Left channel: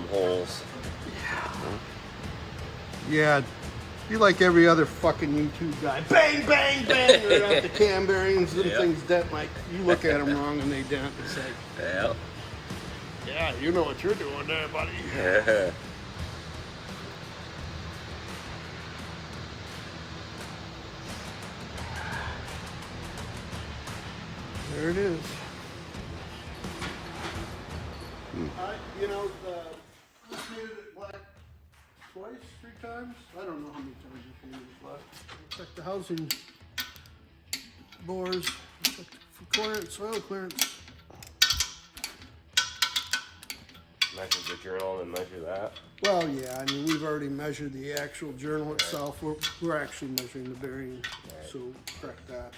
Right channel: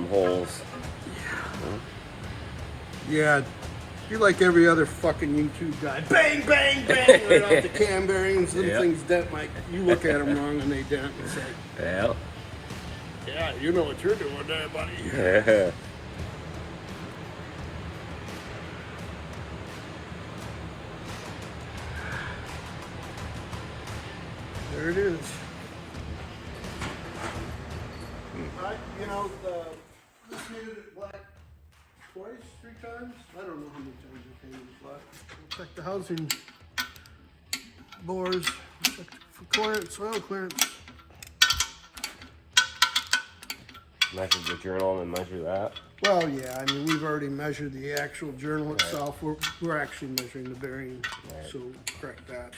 them holes. Yeah. Be like every other fucking YouTube guy. Bang, bang, bang. They're out the cam bearings, little things dent. Like, you look at them wrong and they dent and say, Yeah. yeah, you know what you're doing there, buddy. Yeah. There it is. You know, just painted it black twice, 3 times. I don't know how many times you painted it black. We'll check the housing bores. Check for clearance, soil clearance. Measure the journal and measure that. Well, yeah, I mean, we've already measured the actual journal itself. We're actually measuring the bearing, so correct that.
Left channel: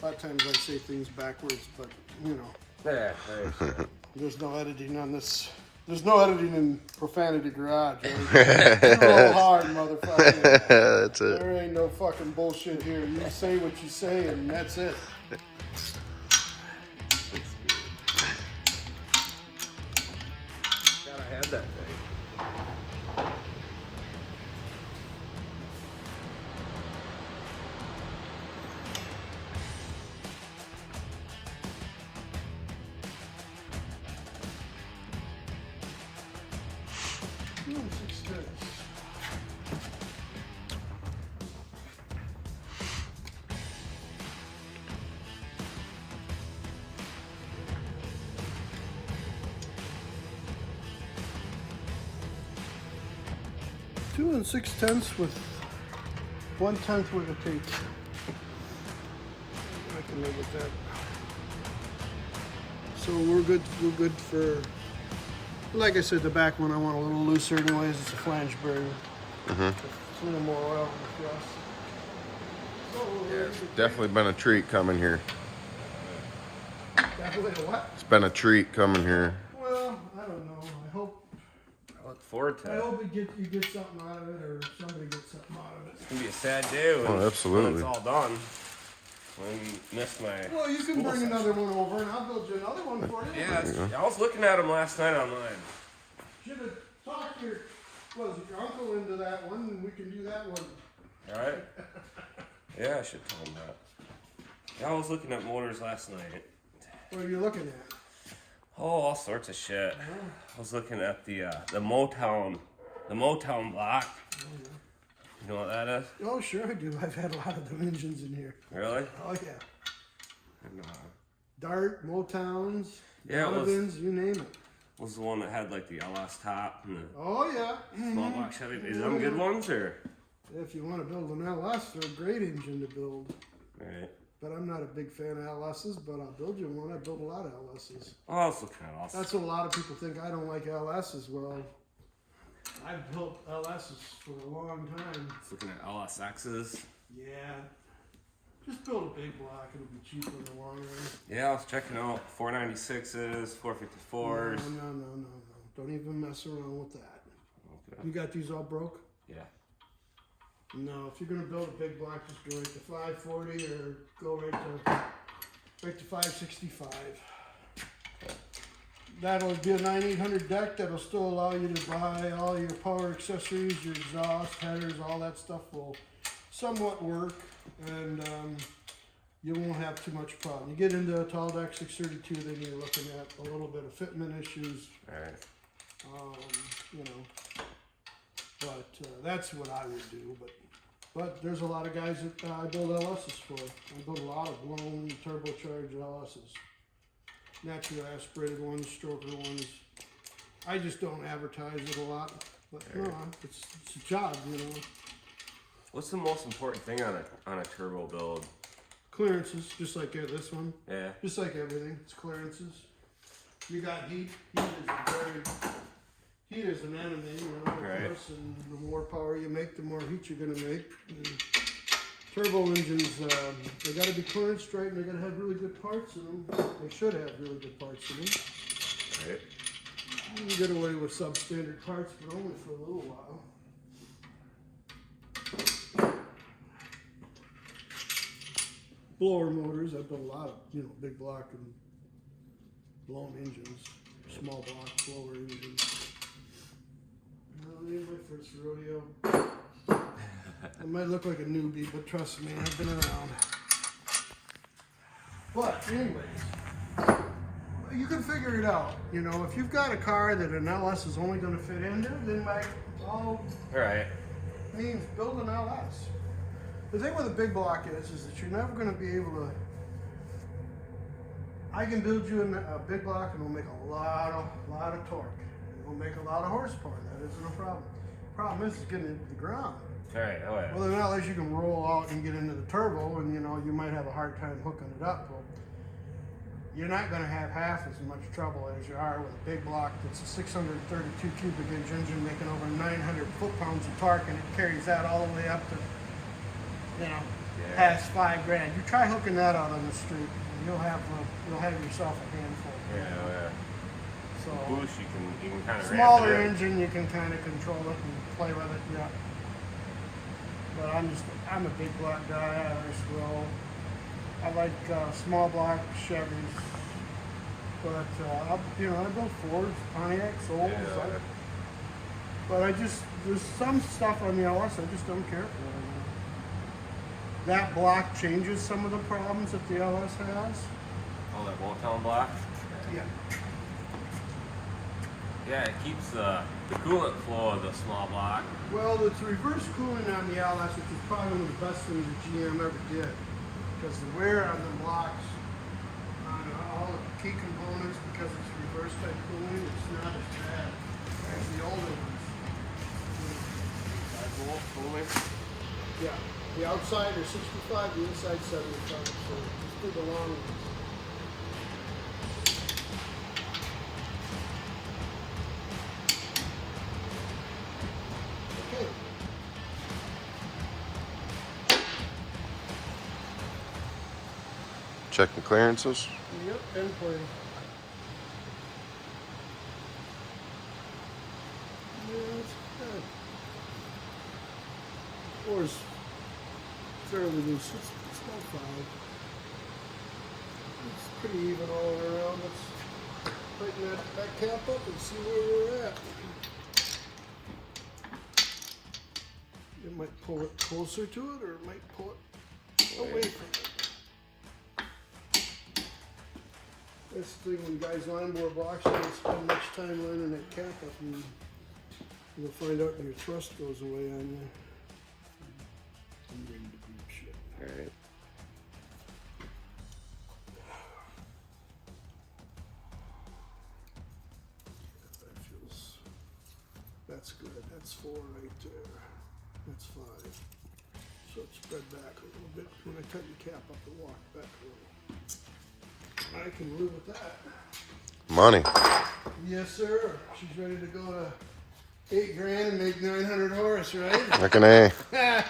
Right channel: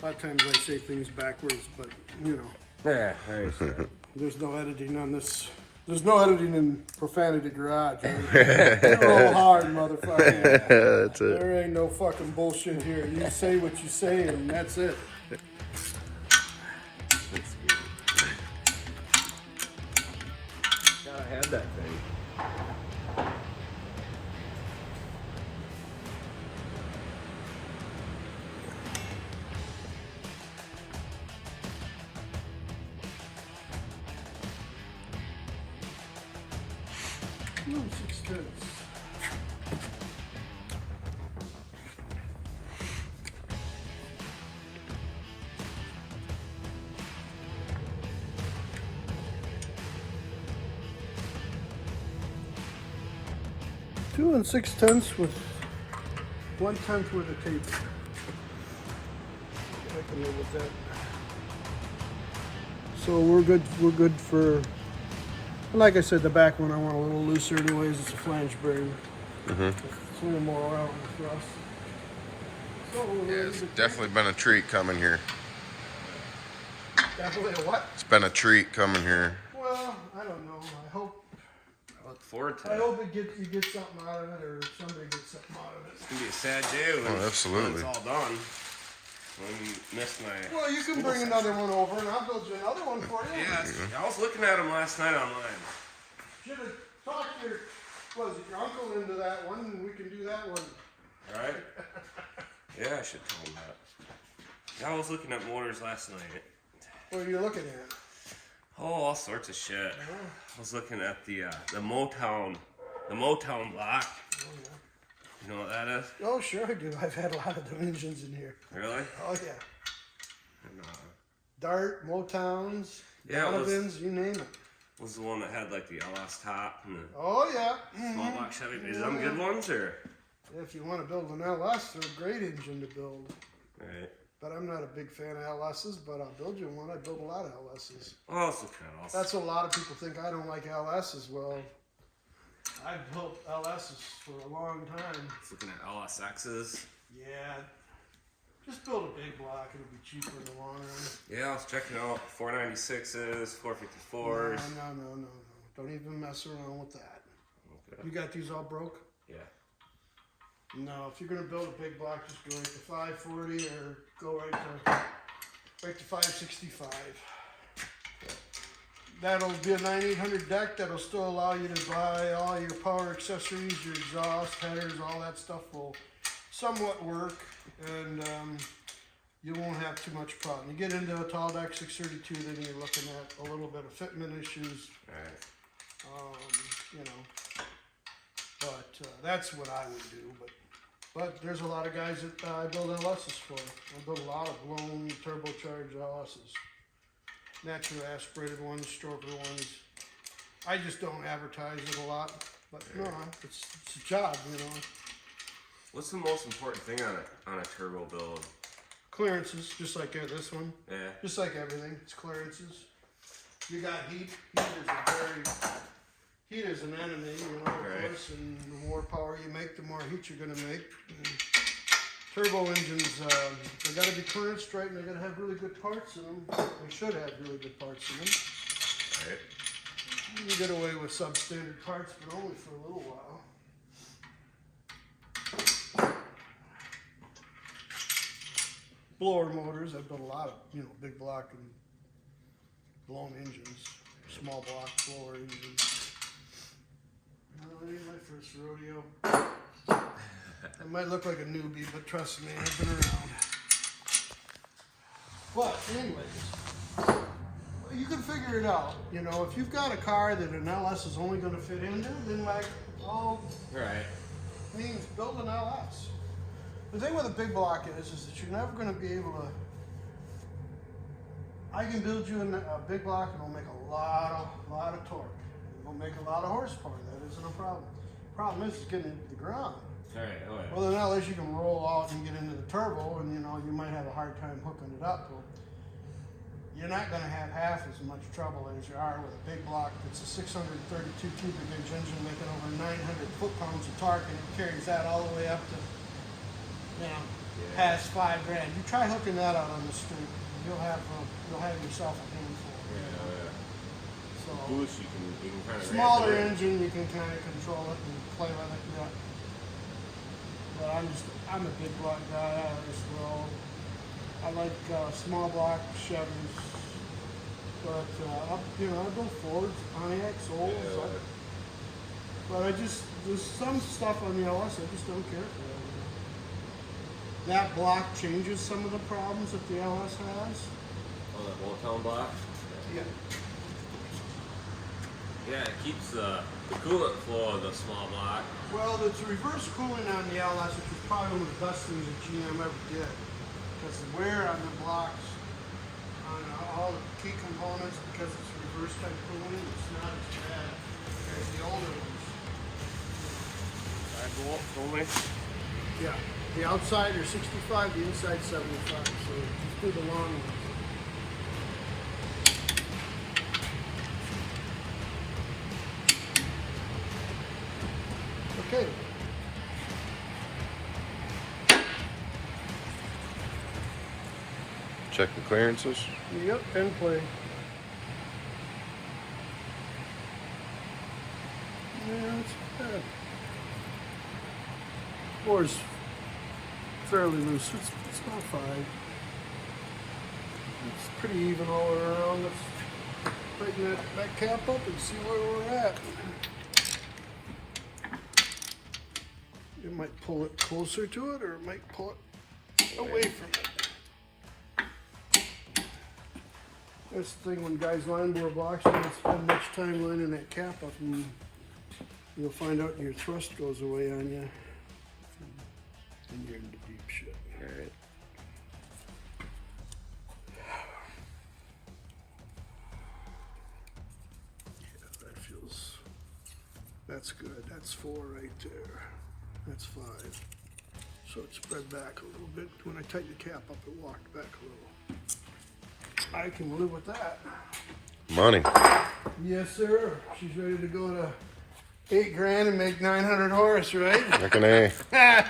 A lot of times I say things backwards, but, you know. Yeah. There's no editing on this. There's no editing in Profanity Garage, right? Go hard, motherfucker. That's it. There ain't no fucking bullshit here. You say what you say, and that's it. Gotta have that thing. No, 6 tenths. Two and 6/10 with 1/10 worth of tape. I can live with that. So we're good. We're good for. Like I said, the back one I want a little looser anyways. It's a flange bearing. It's a little more oil on the thrust. So Yeah, it's definitely been a treat coming here. definitely a what? It's been a treat coming here. Well, I don't know. I look forward to I it. hope you get something out of it, or somebody gets something out of it. It's gonna be a sad day when, Oh, absolutely. when it's all done. When you miss my. Well, you can bring another one over, and I'll build you another one for you. Yeah, I was looking at them last night online. Should have talked your, your uncle into that one, and we can do that one. All right. Yeah, I should tell him that. Yeah, I was looking at motors last night. What are you looking at? Oh, all sorts of shit. I was looking at the Motown block. You know what that is? Oh, sure I do. I've had a lot of them engines in here. Really? Oh, yeah. And, Dart, Motowns, Yeah, it was- Donovans, you name it. was the one that had like the LS top and the Oh, yeah. small block Chevy. Is them good ones or? If you want to build an LS, they're a great engine to build. Right. But I'm not a big fan of LSs, but I'll build you one. I build a lot of LSs. Oh, I was looking at also. That's what a lot of people think. I don't like LSs. Well, I've built LSs for a long time. I was looking at LSXs. Yeah. Just build a big block. It'll be cheaper in the long run. Yeah, I was checking out 496s, 454s. No. Don't even mess around with that. Okay. You got these all broke? Yeah. No, if you're gonna build a big block, just go right to 540 or go right to 565. That'll be a 9800 deck. That'll still allow you to buy all your power accessories, your exhaust, headers, all that stuff will somewhat work, and you won't have too much problem. You get into a tall deck 632, then you're looking at a little bit of fitment issues. All right. You know, but that's what I would do. But there's a lot of guys that I build LSs for. I build a lot of blown turbocharged LSs, natural aspirated ones, stroker ones. I just don't advertise it a lot, but no, it's a job, you know. What's the most important thing on a turbo build? Clearances, just like this one. Yeah. Just like everything, it's clearances. You got heat. Heat is an enemy, you know, of course, and the more power you make, the more heat you're going to make. And turbo engines, they got to be clearanced right, and they got to have really good parts in them. They should have really good parts in them. Right. You can get away with substandard parts, but only for a little while. Blower motors, I've built a lot of, big block and blown engines. small block blower engine. Well, it ain't my first rodeo. I might look like a newbie, but trust me, I've been around. But anyways, you can figure it out. You know, if you've got a car that an LS is only going to fit into, then by all means, build an LS. The thing with a big block is that you're never going to be able to. I can build you a big block and it'll make a lot of torque. It'll make a lot of horsepower. That isn't a problem. The problem is getting it to the ground. All right. Well, then at least you can roll out and get into the turbo, and you know you might have a hard time hooking it up. Well, you're not going to have half as much trouble as you are with a big block that's a 632 cubic inch engine making over 900 foot-pounds of torque, and it carries that all the way up to, you know, past $5 grand. You try hooking that out on the street, and you'll have yourself a handful. You know? So Boost, you can kind of smaller engine, you can kind of control it and play with it. Yeah. But I'm a big block guy. I always will. I like small block Chevys, but I build Fords, Pontiacs, Olds. But there's some stuff on the LS I just don't care for. You know? That block changes some of the problems that the LS has. Oh, that Motown block. Yeah. Yeah, it keeps the coolant flow of the small block. Well, it's reverse cooling on the LS, which is probably one of the best things that GM ever did. Because the wear on the blocks, on all the key components, because it's reverse type cooling, it's not as bad as the older ones. 5 volt cooling. Yeah. The outside are 65, the inside 75. So just do the long ones. Okay. Check the clearances. Yep, and play. Yeah, it's bad. Floor's fairly loose. It's about 5. It's pretty even all around. Let's tighten that cap up and see where we're at. It might pull it closer to it, or it might pull it away from it. That's the thing when guys line board blocks, you don't spend much time lining that cap up, and you'll find out your thrust goes away on you. And you're into deep shit. Alright. Yeah, that feels. That's good. That's 4 right there. That's 5. So it spread back a little bit. When I tighten the cap up, it walked back a little. I can live with that. Money. Yes, sir. She's ready to go to 8 grand and make 900 horse, right? Like an A. Yeah,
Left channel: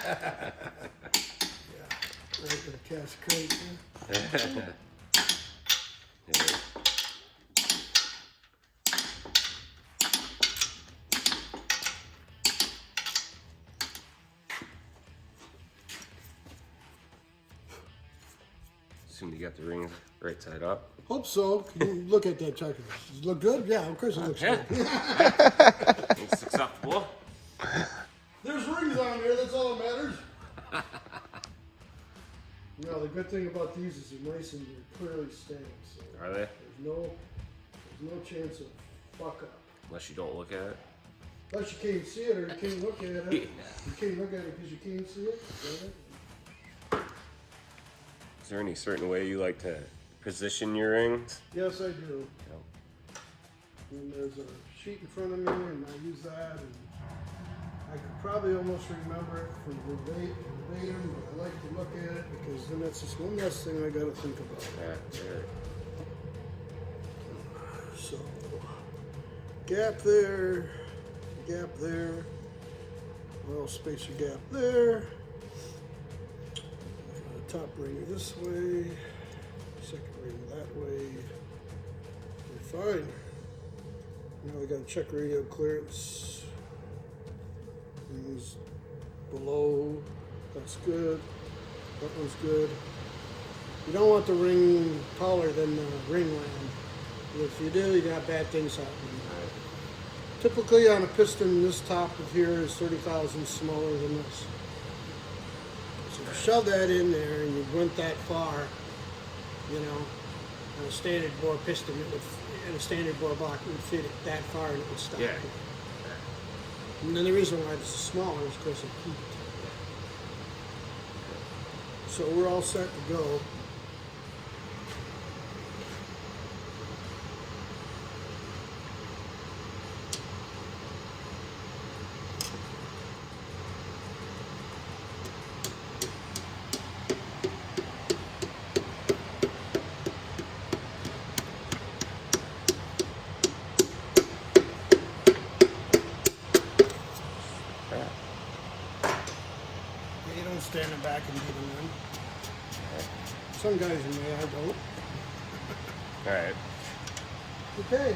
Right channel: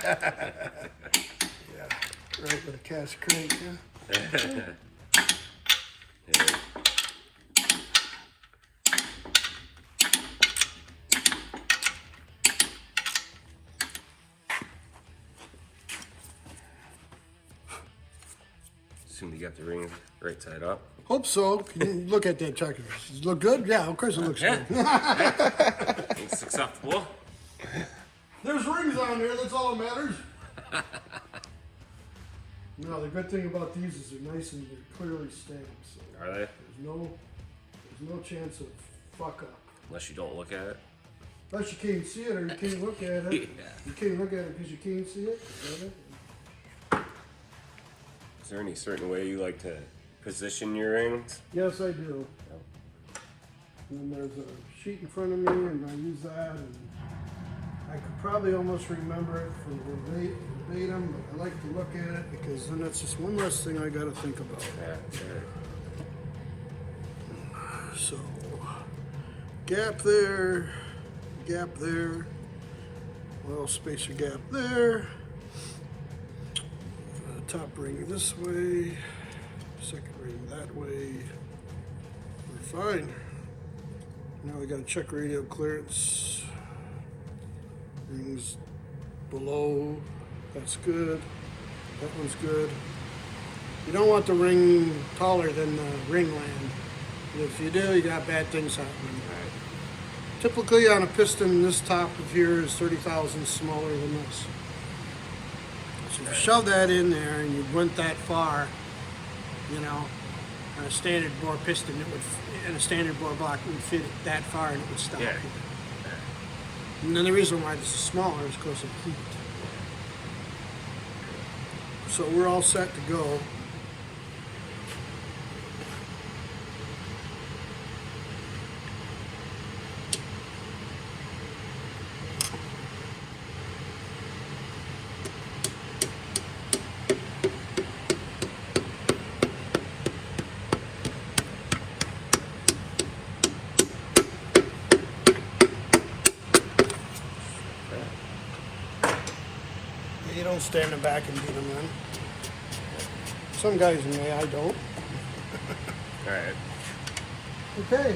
right with a cast crate, yeah. Assume you got the ring right side up. Hope so. Can you look at that checker? Does it look good? Yeah, of course it looks good. It's acceptable. There's rings on there, that's all that matters. No, the good thing about these is they're nice and they're clearly stamped. So Are they? there's no chance of fuck up. Unless you don't look at it. Unless you can't see it or you can't look at it. You can't look at it because you can't see it. Is that it? Is there any certain way you like to position your rings? Yes, I do. And there's a sheet in front of me, and I use that. And I could probably almost remember it from verbatim, but I like to look at it because then that's just one less thing I got to think about. Yeah, that's it. So, gap there, well, spacer gap there. Top ring this way, second ring that way. We're fine. Now we got to check radio clearance. Rings below. That's good. That one's good. You don't want the ring taller than the ring land. If you do, you got bad things happening. Typically on a piston, this top of here is 30 thousandths smaller than this. So if you shove that in there and you went that far, you know, on a standard bore piston, it would, in a standard bore block, it would fit it that far and it would stop Yeah. here. And then the reason why this is smaller is because of heat. So we're all set to go. You don't stand them back and beat them in. Some guys may, I don't. Alright. Okay.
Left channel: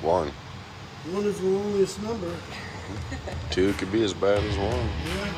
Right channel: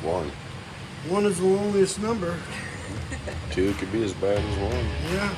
1. 1 is the loneliest number. 2 could be as bad as 1. Yeah.